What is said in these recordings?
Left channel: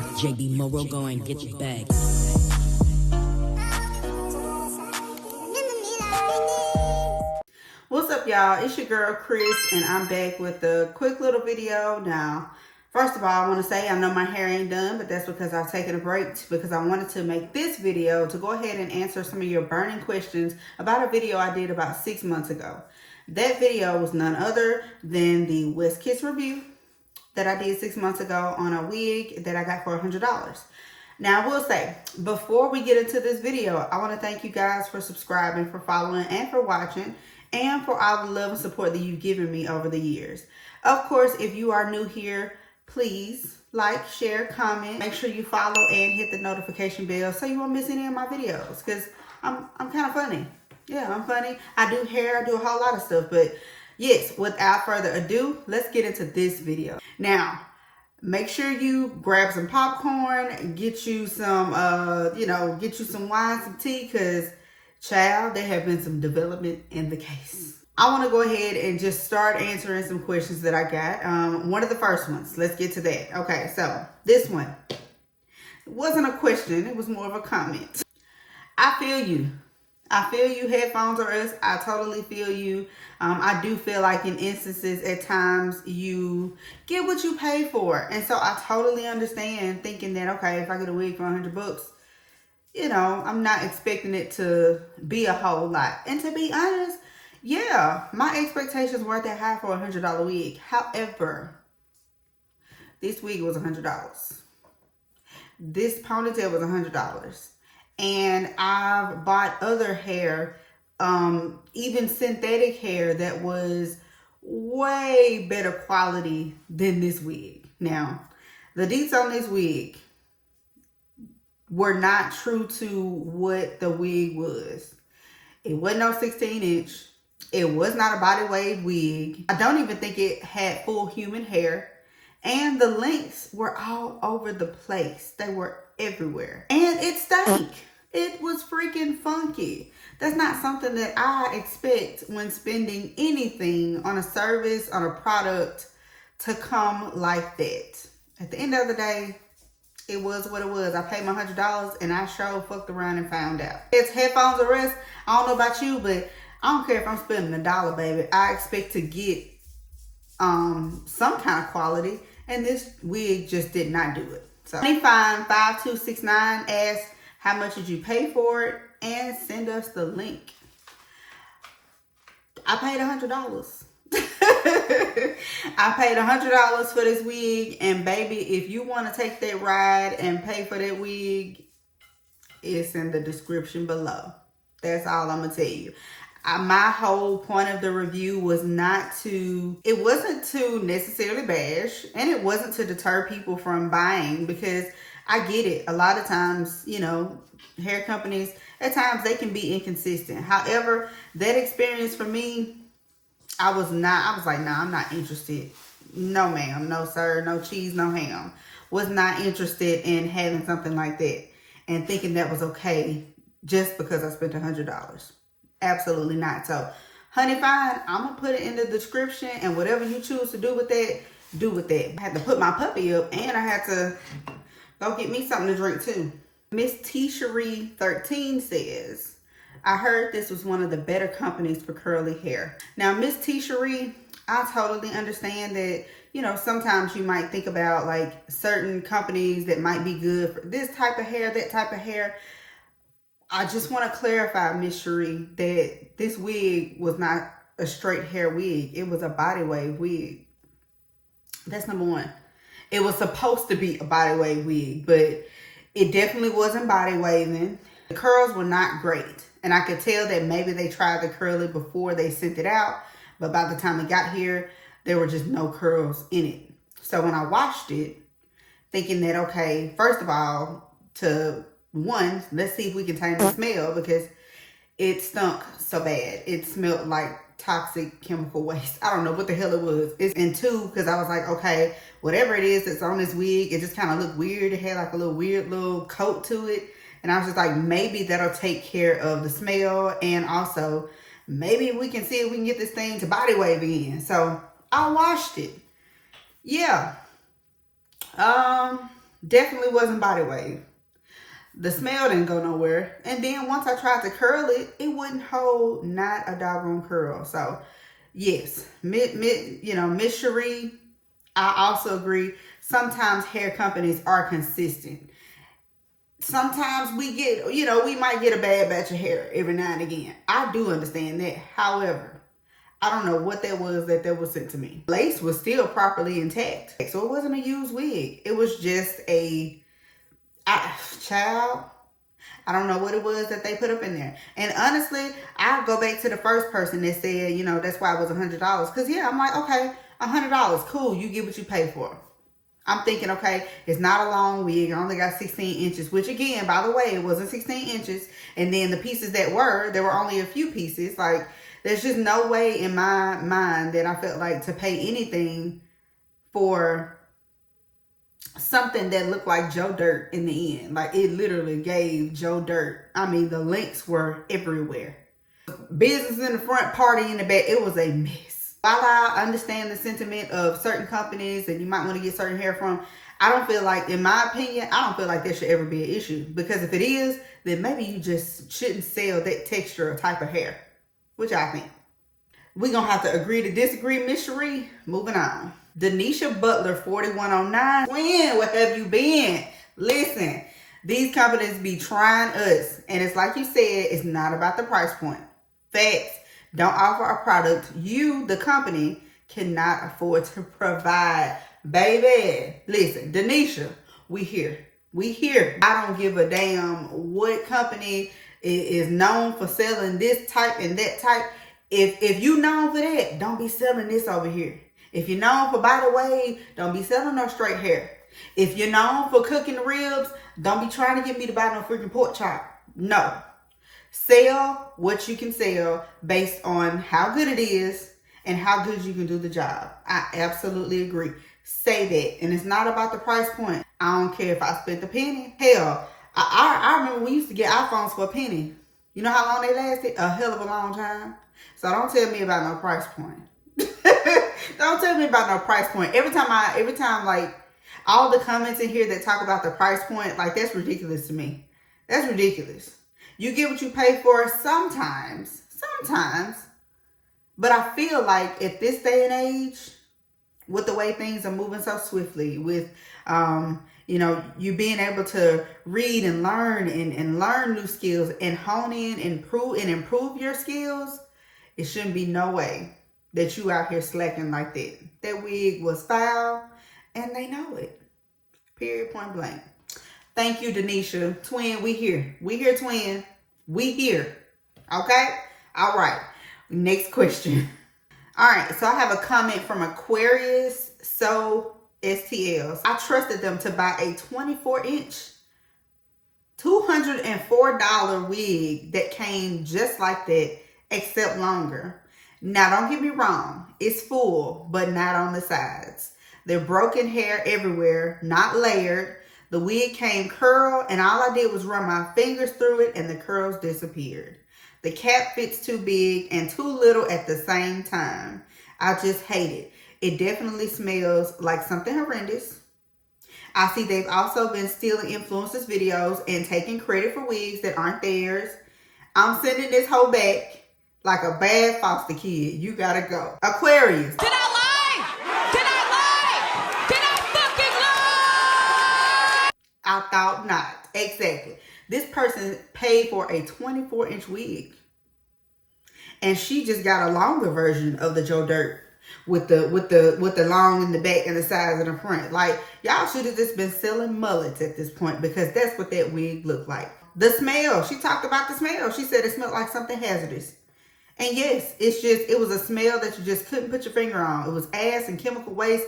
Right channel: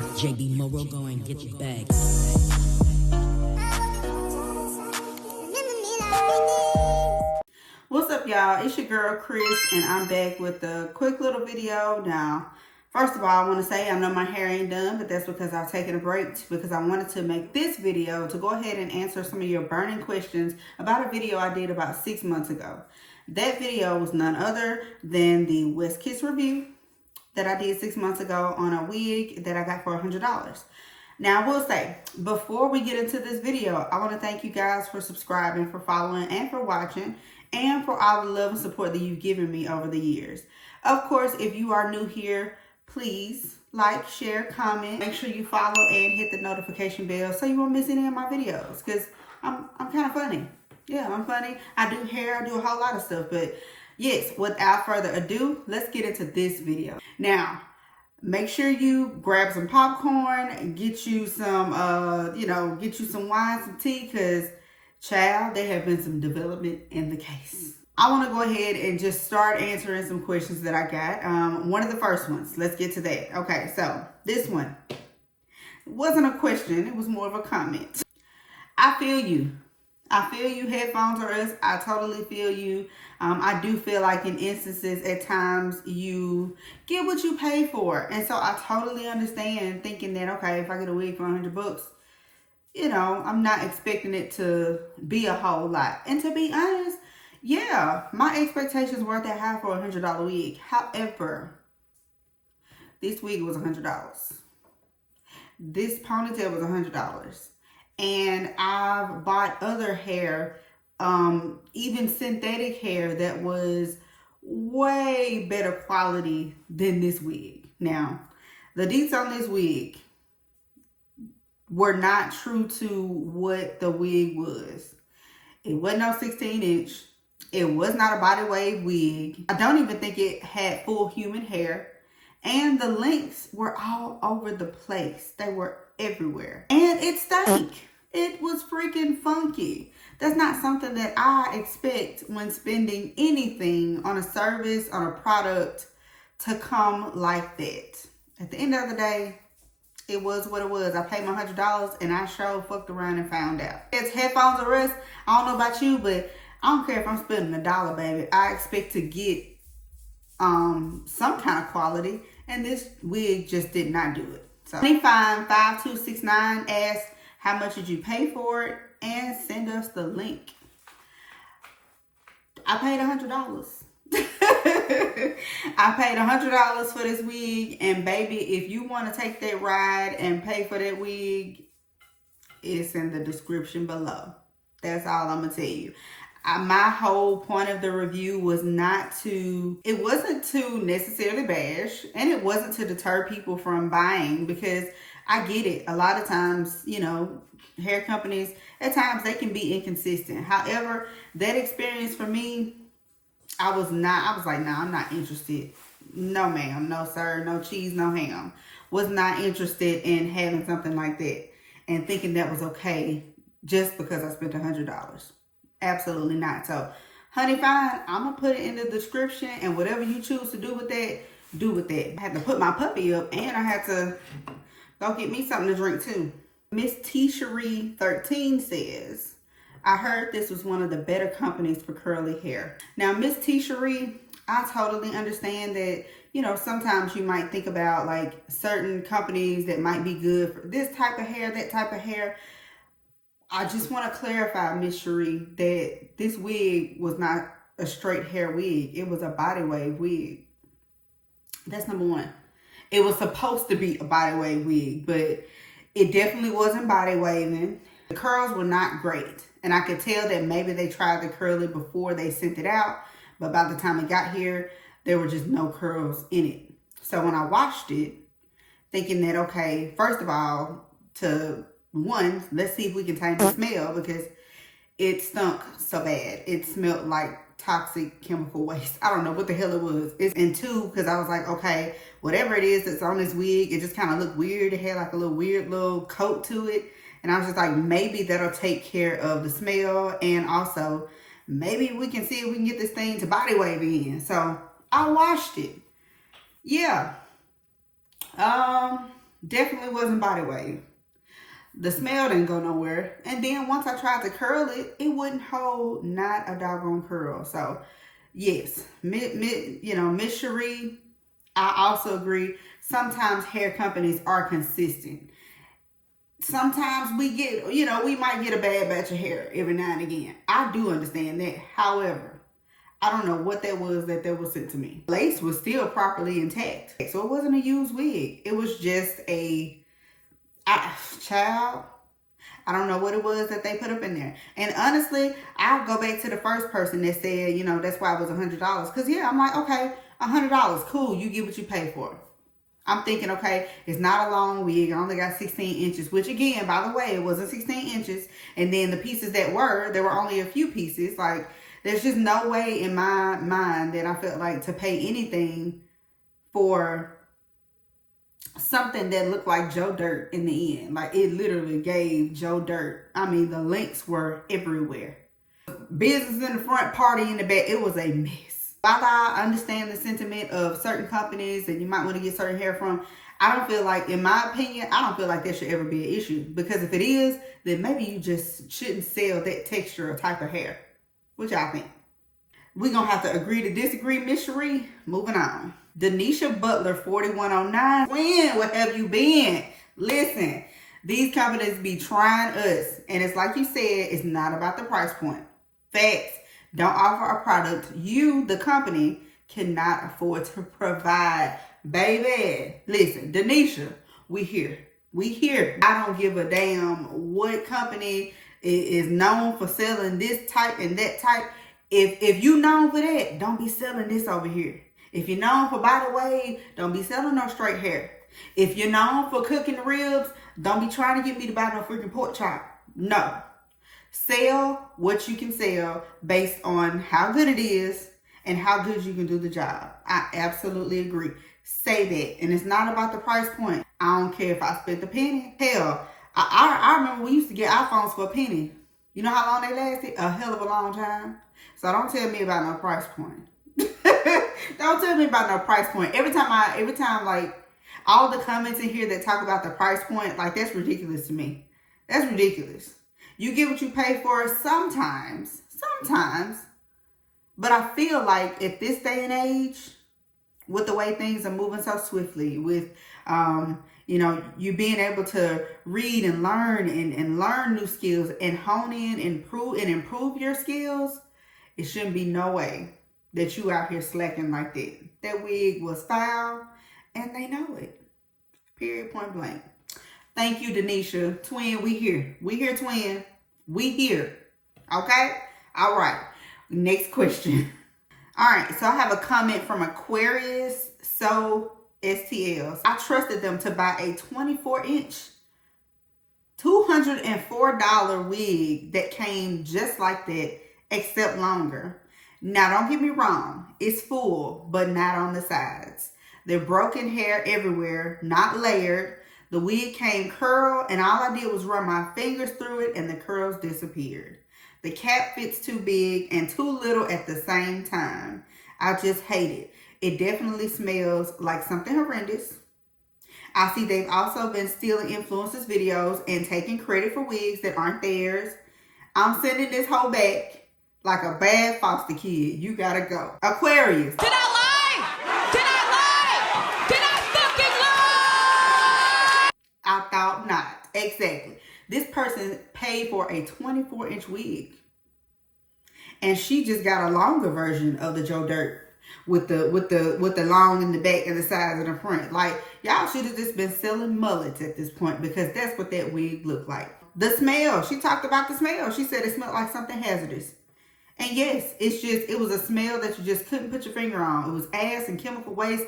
JB Morrow, go and get your bag. What's up, y'all? It's your girl Chris, and I'm back with a quick little video. Now, first of all, I want to say I know my hair ain't done, but that's because I've taken a break because I wanted to make this video to go ahead and answer some of your burning questions about a video I did about 6 months ago. That video was none other than the Westkiss review that I did 6 months ago on a wig that I got for $100. Now, I will say, before we get into this video, I want to thank you guys for subscribing, for following, and for watching, and for all the love and support that you've given me over the years. Of course, if you are new here, please like, share, comment. Make sure you follow and hit the notification bell so you won't miss any of my videos, because I'm kind of funny. Yeah, I'm funny. I do hair. I do a whole lot of stuff. But yes, without further ado, let's get into this video. Now, make sure you grab some popcorn, get you some, get you some wine, some tea, because, child, there have been some development in the case. I want to go ahead and just start answering some questions that I got. One of the first ones. Let's get to that. Okay, so this one. It wasn't a question. It was more of a comment. I feel you. I feel you, headphones or us. I totally feel you. I do feel like in instances at times you get what you pay for. And so I totally understand thinking that, okay, if I get a wig for $100, you know, I'm not expecting it to be a whole lot. And to be honest, yeah, my expectations weren't that high for a $100 wig. However, this wig was $100. This ponytail was $100. And I've bought other hair, even synthetic hair that was way better quality than this wig. Now, the deets on this wig were not true to what the wig was. It wasn't no 16-inch. It was not a body wave wig. I don't even think it had full human hair. And the links were all over the place. They were everywhere. And it stank. It was freaking funky. That's not something that I expect when spending anything on a service, on a product, to come like that. At the end of the day, it was what it was. I paid my $100 and I sure fucked around and found out. It's headphones or rest. I don't know about you, but I don't care if I'm spending $1, baby. I expect to get some kind of quality, and this wig just did not do it. So 255269 asked, how much did you pay for it? And send us the link. I paid $100. I paid $100 for this wig, and baby, if you want to take that ride and pay for that wig, it's in the description below. That's all I'm gonna tell you. My whole point of the review was it wasn't to necessarily bash, and it wasn't to deter people from buying, because I get it. A lot of times, you know, hair companies, at times they can be inconsistent. However, that experience for me, I was like, nah, I'm not interested. No, ma'am. No, sir. No cheese, no ham. Was not interested in having something like that and thinking that was okay just because I spent $100. Absolutely not. So, honey, fine. I'm going to put it in the description, and whatever you choose to do with that, do with that. I had to put my puppy up, and I had to go get me something to drink too. Miss T-Cherie 13 says, I heard this was one of the better companies for curly hair. Now, Miss T-Cherie, I totally understand that, you know, sometimes you might think about like certain companies that might be good for this type of hair, that type of hair. I just want to clarify, Miss Cherie, that this wig was not a straight hair wig. It was a body wave wig. That's number one. It was supposed to be a body wave wig, but it definitely wasn't body waving. The curls were not great. And I could tell that maybe they tried the curly before they sent it out, but by the time it got here, there were just no curls in it. So when I washed it, thinking that, okay, first of all, let's see if we can change the smell, because it stunk so bad. It smelled like toxic chemical waste. I don't know what the hell it was. And two, because I was like, okay, whatever it is that's on this wig, it just kind of looked weird. It had like a little weird little coat to it. And I was just like, maybe that'll take care of the smell. And also, maybe we can see if we can get this thing to body wave again. So I washed it. Yeah. Definitely wasn't body wave. The smell didn't go nowhere. And then once I tried to curl it, it wouldn't hold not a doggone curl. So yes, Miss Cherie, I also agree. Sometimes hair companies are consistent. Sometimes we get, we might get a bad batch of hair every now and again. I do understand that. However, I don't know what that was sent to me. Lace was still properly intact. So it wasn't a used wig. It was just child. I don't know what it was that they put up in there. And honestly, I'll go back to the first person that said, that's why it was $100. Because yeah, I'm like, okay, $100, cool. You get what you pay for. I'm thinking, okay, it's not a long wig. I only got 16 inches, which again, by the way, it wasn't 16 inches. And then the pieces there were only a few pieces. Like, there's just no way in my mind that I felt like to pay anything for something that looked like Joe Dirt in the end. Like, it literally gave Joe Dirt. I mean, the links were everywhere. Business in the front, party in the back. It was a mess. While I understand the sentiment of certain companies and you might want to get certain hair from, I don't feel like, in my opinion, I don't feel like there should ever be an issue. Because if it is, then maybe you just shouldn't sell that texture or type of hair. Which I think. We're going to have to agree to disagree, Miss Cherie. Moving on. Denisha Butler, 4109. Twin, where have you been? Listen, these companies be trying us. And it's like you said, it's not about the price point. Facts. Don't offer a product you, the company, cannot afford to provide. Baby, listen, Denisha, we here. We here. I don't give a damn what company is known for selling this type and that type. If you known for that, don't be selling this over here. If you're known for body wave, don't be selling no straight hair. If you're known for cooking the ribs, don't be trying to get me to buy no freaking pork chop. No. Sell what you can sell based on how good it is and how good you can do the job. I absolutely agree. Say that. And it's not about the price point. I don't care if I spent a penny. Hell, I remember we used to get iPhones for a penny. You know how long they lasted? A hell of a long time. So don't tell me about no price point. Don't tell me about no price point. Every time like all the comments in here that talk about the price point, like that's ridiculous to me. That's ridiculous. You get what you pay for sometimes. But I feel like at this day and age, with the way things are moving so swiftly, with you being able to read and learn and learn new skills and hone in and improve your skills, it shouldn't be no way that you out here slacking like that. That wig was foul, and they know it. Period, point blank. Thank you, Denisha. Twin, we here. We here, twin. We here. Okay? All right. Next question. All right. So I have a comment from Aquarius. So STLs. I trusted them to buy a 24-inch, $204 wig that came just like that, except longer. Now, don't get me wrong. It's full, but not on the sides. They're broken hair everywhere, not layered. The wig came curled, and all I did was run my fingers through it, and the curls disappeared. The cap fits too big and too little at the same time. I just hate it. It definitely smells like something horrendous. I see they've also been stealing influencers' videos and taking credit for wigs that aren't theirs. I'm sending this hoe back like a bad foster kid. You gotta go. Aquarius. Did I lie? Did I lie? Did I fucking lie? I thought not. Exactly. This person paid for a 24-inch wig. And she just got a longer version of the Joe Dirt with the long in the back and the sides in the front. Like, y'all should have just been selling mullets at this point, because that's what that wig looked like. The smell. She talked about the smell. She said it smelled like something hazardous. And yes, it was a smell that you just couldn't put your finger on. It was ass and chemical waste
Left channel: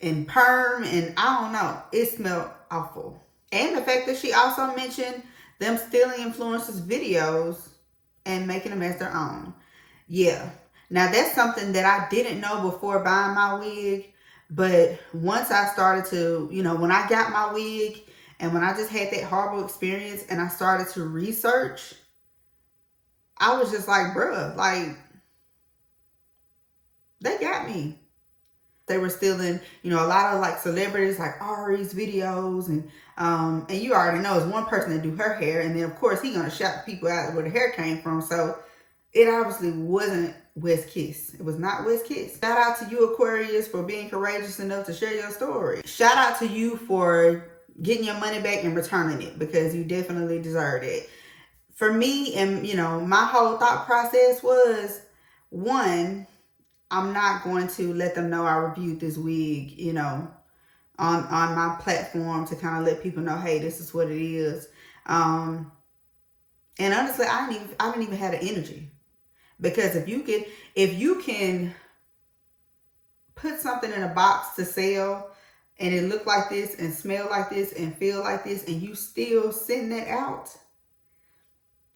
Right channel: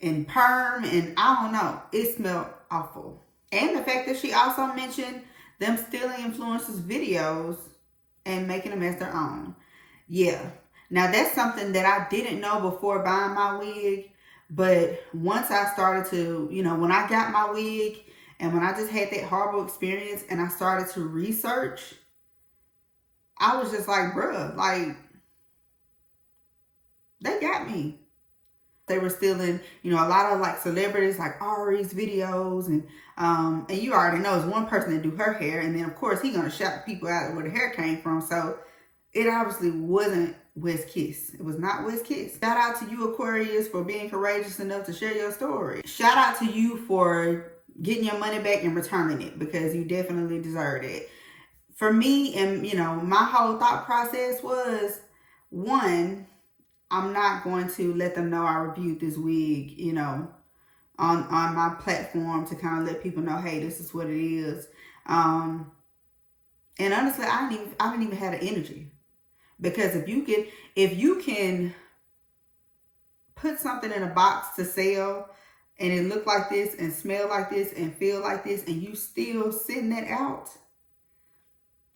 and perm and I don't know. It smelled awful. And the fact that she also mentioned them stealing influencers' videos and making them as their own. Yeah. Now that's something that I didn't know before buying my wig. But once I started to, when I got my wig and when I just had that horrible experience and I started to research, I was just like, bruh, like, they got me. They were stealing, you know, a lot of like celebrities like Ari's videos, and you already know it's one person that do her hair, and then of course he gonna shout people out where the hair came from. So it obviously wasn't Westkiss. It was not Westkiss. Shout out to you, Aquarius, for being courageous enough to share your story. Shout out to you for getting your money back and returning it, because you definitely deserved it. For me, and you know, my whole thought process was, one, I'm not going to let them know I reviewed this wig, you know, on my platform to kind of let people know, hey, this is what it is. And honestly, I didn't even have the energy, because if you can put something in a box to sell and it look like this and smell like this and feel like this, and you still send that out,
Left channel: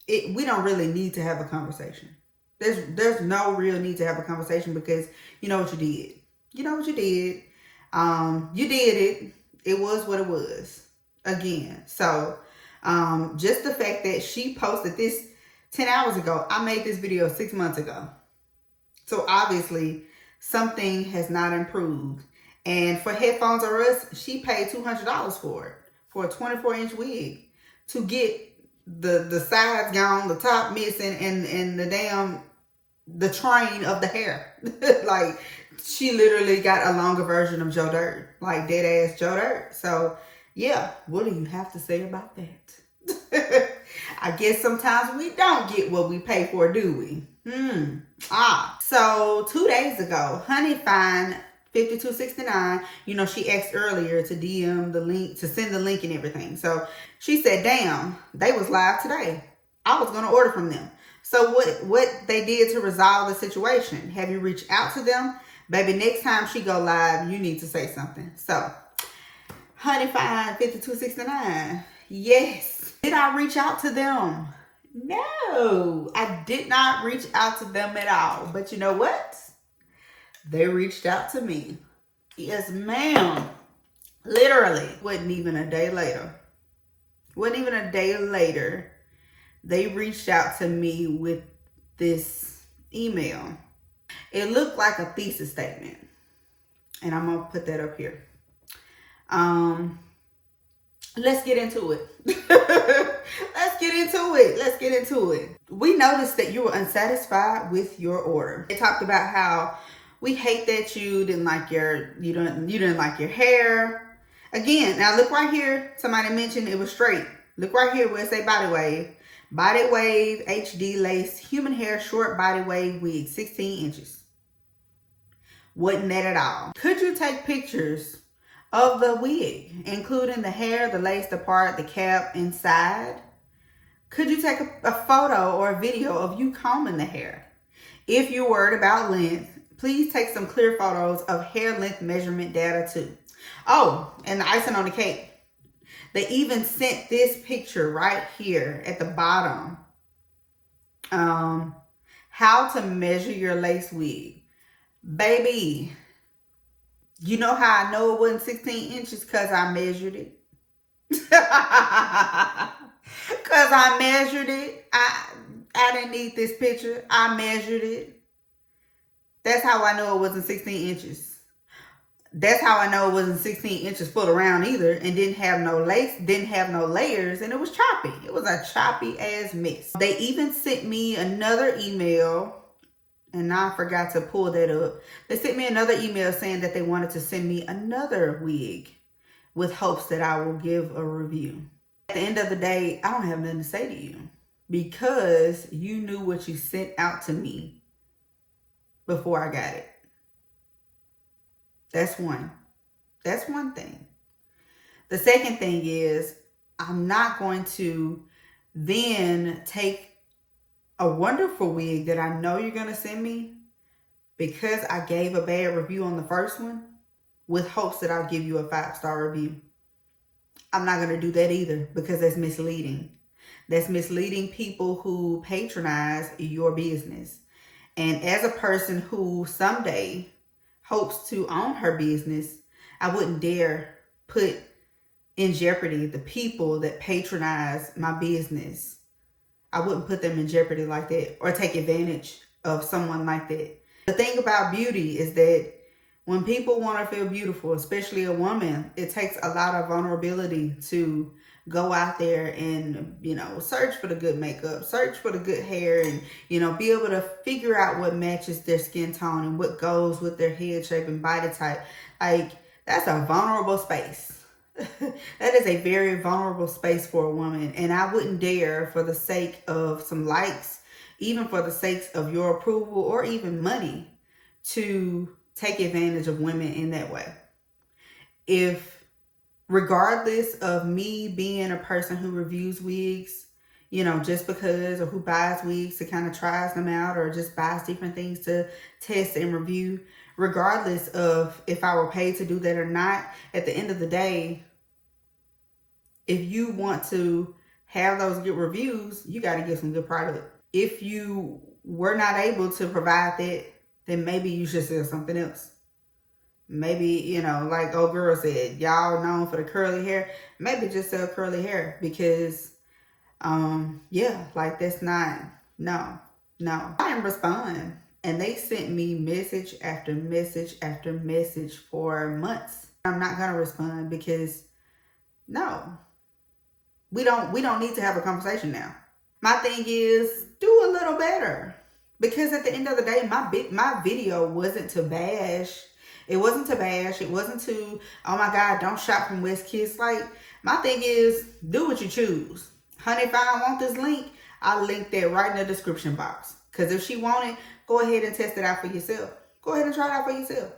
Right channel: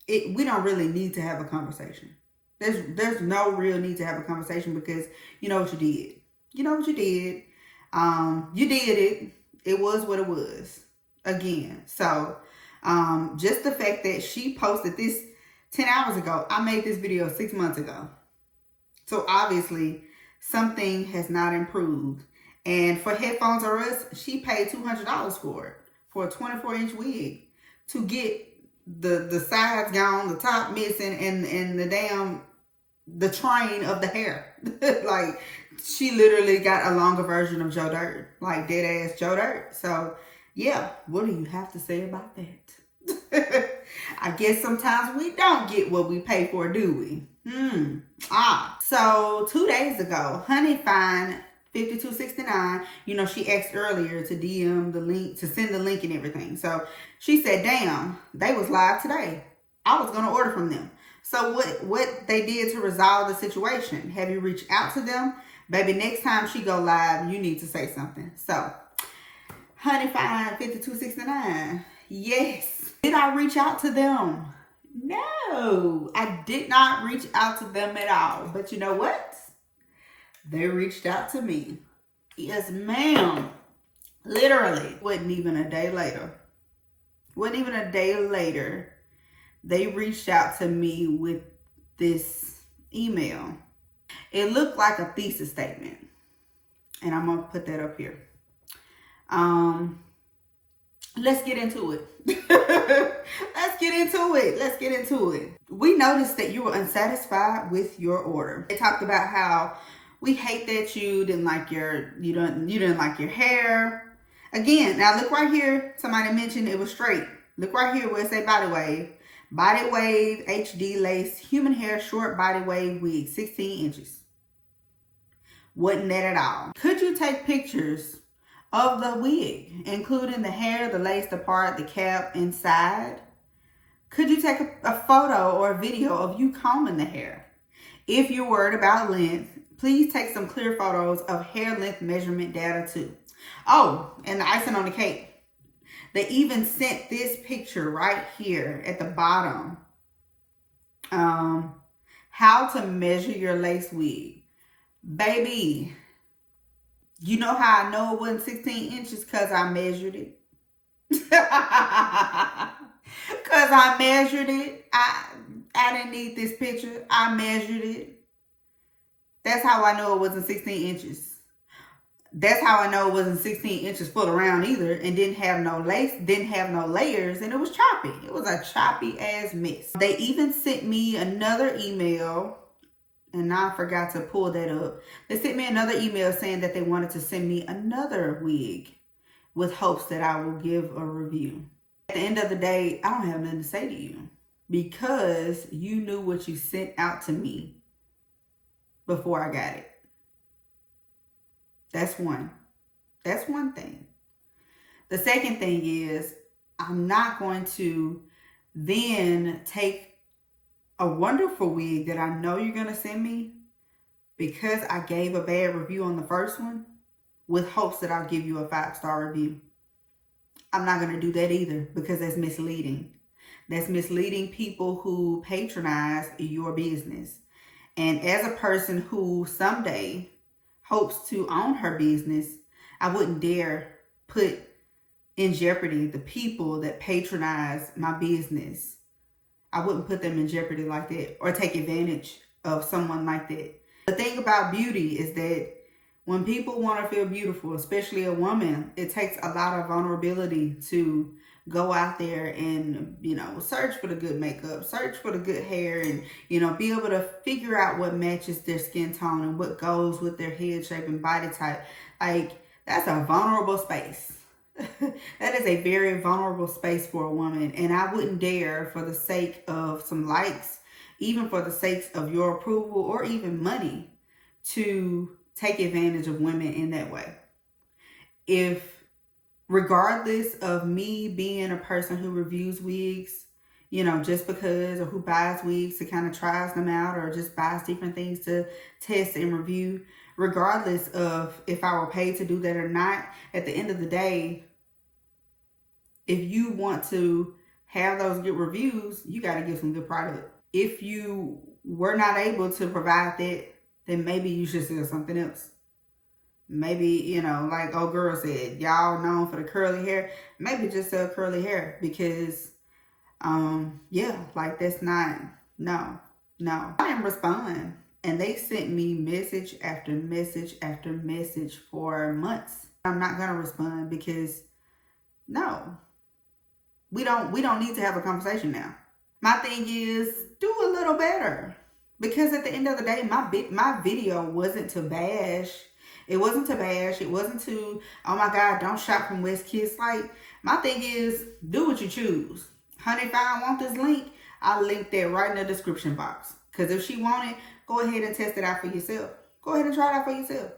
we don't really need to have a conversation. There's no real need to have a conversation, because you know what you did. You know what you did. You did it. It was what it was. Again. So, just the fact that she posted this 10 hours ago. I made this video 6 months ago. So obviously something has not improved. And for Headphones R Us, she paid $200 for it, for a 24-inch wig, to get the sides gone, the top missing, and the train of the hair. Like, she literally got a longer version of Joe Dirt, like dead ass Joe Dirt. So yeah, what do you have to say about that? I guess sometimes we don't get what we pay for, do we? So 2 days ago, Honey Fine 5269, you know, she asked earlier to DM the link, to send the link and everything. So she said, damn, they was live today. I was going to order from them. So what they did to resolve the situation? Have you reached out to them? Baby, next time she go live, you need to say something. So, Honey Fine 5269, yes. Did I reach out to them? No, I did not reach out to them at all. But you know what? They reached out to me. Yes, ma'am. Literally. Wasn't even a day later. They reached out to me with this email. It looked like a thesis statement. And I'm going to put that up here. Let's get into it. Let's get into it. We noticed that you were unsatisfied with your order. They talked about how we hate that you didn't like you didn't like your hair. Again, now look right here. Somebody mentioned it was straight. Look right here where it say body wave. Body wave, HD lace, human hair, short body wave wig, 16 inches. Wasn't that at all. Could you take pictures of the wig, including the hair, the lace, the part, the cap inside? Could you take a photo or a video of you combing the hair? If you're worried about length, please take some clear photos of hair length measurement data too. Oh, and the icing on the cake. They even sent this picture right here at the bottom. How to measure your lace wig. Baby, you know how I know it wasn't 16 inches? Because I measured it. Because I measured it. I didn't need this picture. I measured it. That's how I know it wasn't 16 inches. That's how I know it wasn't 16 inches full around either, and didn't have no lace, didn't have no layers, and it was choppy. It was a choppy ass mess. They even sent me another email, and now I forgot to pull that up. They sent me another email saying that they wanted to send me another wig with hopes that I will give a review. At the end of the day, I don't have nothing to say to you, because you knew what you sent out to me before I got it. That's one thing. The second thing is, I'm not going to then take a wonderful wig that I know you're going to send me because I gave a bad review on the first one with hopes that I'll give you a 5-star review. I'm not going to do that either, because that's misleading. That's misleading people who patronize your business. And as a person who someday hopes to own her business, I wouldn't dare put in jeopardy the people that patronize my business. I wouldn't put them in jeopardy like that, or take advantage of someone like that. The thing about beauty is that When people want to feel beautiful, especially a woman, it takes a lot of vulnerability to go out there and, you know, search for the good makeup, search for the good hair, and, you know, be able to figure out what matches their skin tone and what goes with their head shape and body type. Like, that's a vulnerable space. That is a very vulnerable space for a woman. And I wouldn't dare, for the sake of some likes, even for the sake of your approval or even money, to take advantage of women in that way. If, regardless of me being a person who reviews wigs, you know, just because, or who buys wigs to kind of tries them out, or just buys different things to test and review, regardless of if I were paid to do that or not, at the end of the day, if you want to have those good reviews, you got to get some good product. If you were not able to provide that, then maybe you should sell something else. Maybe, you know, like old girl said, y'all known for the curly hair, maybe just sell curly hair, because, yeah, like that's not, no. I didn't respond. And they sent me message after message after message for months. I'm not going to respond because, no, we don't need to have a conversation now. My thing is, do a little better. Because at the end of the day, my video wasn't to bash. It wasn't to bash. It wasn't to, oh my God, don't shop from Westkiss. Like, my thing is, do what you choose. Honey, if I want this link, I'll link that right in the description box. Because if she want it, go ahead and test it out for yourself. Go ahead and try it out for yourself.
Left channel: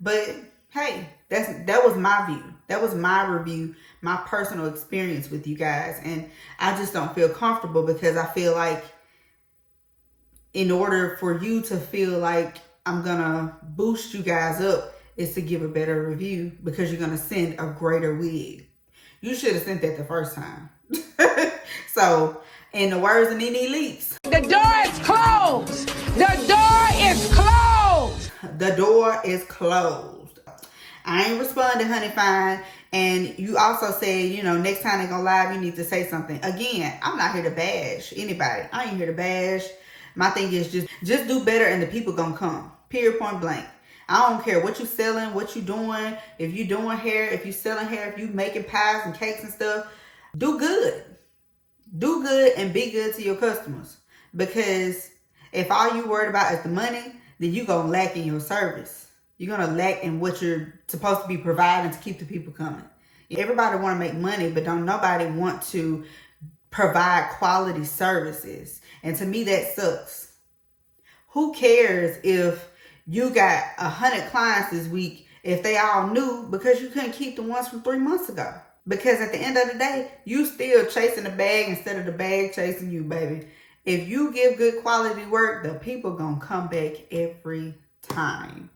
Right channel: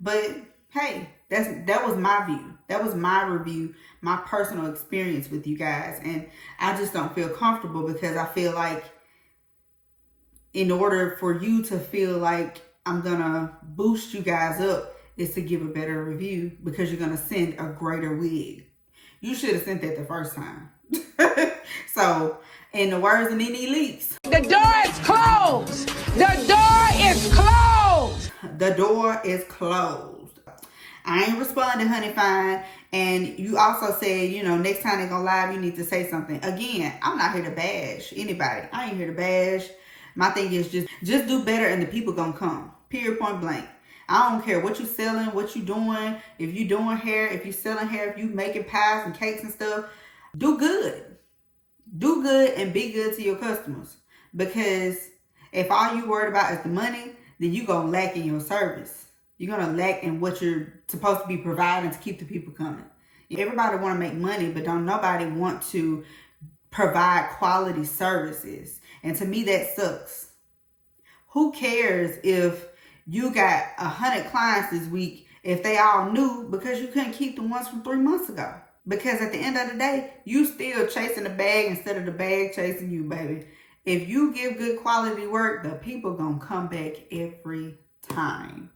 But hey, that was my view. That was my review, my personal experience with you guys. And I just don't feel comfortable, because I feel like in order for you to feel like I'm gonna boost you guys up is to give a better review, because you're gonna send a greater wig. You should have sent that the first time. So, in the words of Nene Leaks, The door is closed. The door is closed. the door is closed. I ain't responding, honey fine. And you also said, you know, next time they go live, you need to say something. Again, I'm not here to bash anybody. I ain't here to bash. My thing is just do better, and the people gonna come. Period, point blank. I don't care what you selling, what you doing. If you doing hair, if you selling hair, if you making pies and cakes and stuff, do good. Do good and be good to your customers. Because if all you worried about is the money, then you gonna lack in your service. You're gonna lack in what you're supposed to be providing to keep the people coming. Everybody want to make money, but don't nobody want to provide quality services. And to me, that sucks. Who cares if you got 100 clients this week if they all new, because you couldn't keep the ones from 3 months ago? Because at the end of the day, you still chasing the bag instead of the bag chasing you, baby. If you give good quality work, the people gonna come back every time.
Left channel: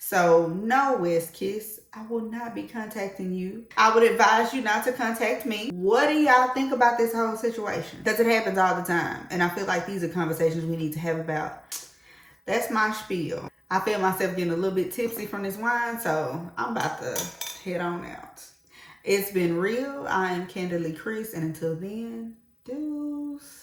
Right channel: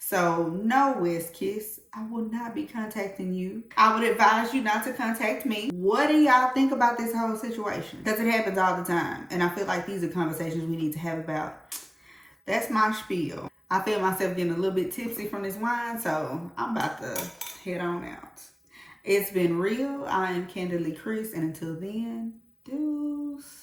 So no, Westkiss, I will not be contacting you. I would advise you not to contact me. What do y'all think about this whole situation? Because it happens all the time. And I feel like these are conversations we need to have about. That's my spiel. I feel myself getting a little bit tipsy from this wine, so I'm about to head on out. It's been real. I am Kandid K, and until then, deuce.